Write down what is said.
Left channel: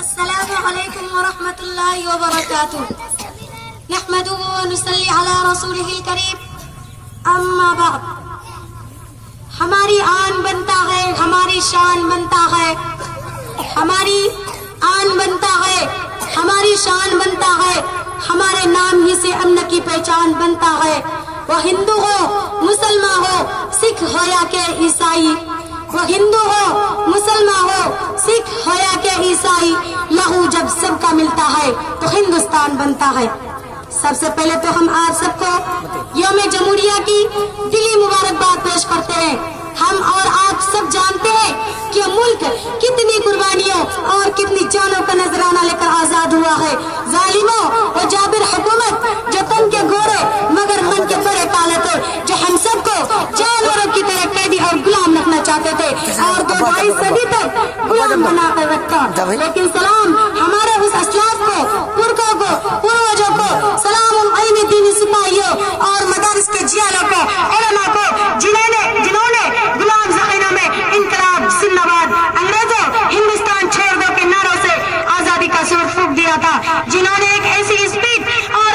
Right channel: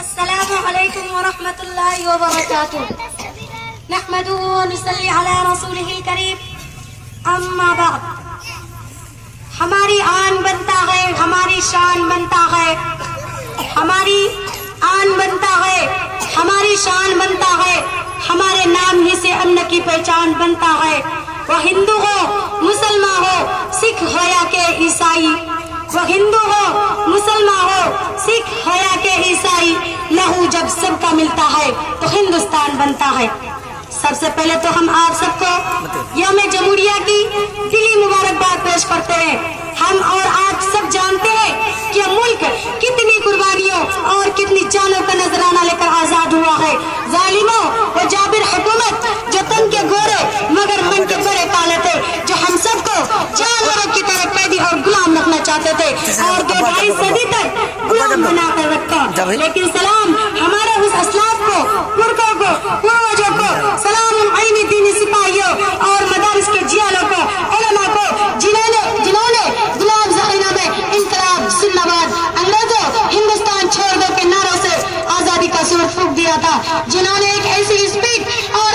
السلام علیکم ورحمۃ اللہ وبرکاتہ نحمده ونصلی علی رسولہ الکریم اما بعد ہماری آن بنتا ہے ہماری شان بنتا ہے ہماری آن بنتا ہے ہماری شان بنتا ہے ہمارے نام ہی سے امن کی پہچان بنتا ہے وہ ہندو ہو مسلمان ہو سکھ ہو یا کہ عیسائی وہ ہندو ہو مسلمان ہو سکھ ہو یا کہ عیسائی لہو جب سب کا ملتا ہے تو ہندوستان بنتا ہے سب سے پہلے تو ہم آپ سب کو یوم جمہوریہ کی دلی مبارکباد پیش کرتے ہیں ہم اور آپ سب جانتے ہیں کہ ملک کتنی قربانیوں اور کتنی جانوں کا نذرانہ لے کر آزاد ہوا ہے ظالموں و جابر حکومت جو تن کے گورے مگر من کے بڑے کالے تھے جو ہم سب کو جانوروں کی طرح قیدی اور غلام رکھنا چاہتے تھے اور 22 صدی تک غلام بنا کر رکھا لیکن سلام ہمارے اس اسلاف کو پرکوں کو پروجوں کو سلام علمی دینی سپاہیوں اور مدارس کے جیالوں کو علماء کو جنہوں نے غلام ذخیروں میں انقلاب زندہ باد انگریزوں ہندوستان چھوڑ دو کے نعروں سے آزادی کا سور پھونک دیا تھا جنہوں نے ایک ایسی اسپیڈ اور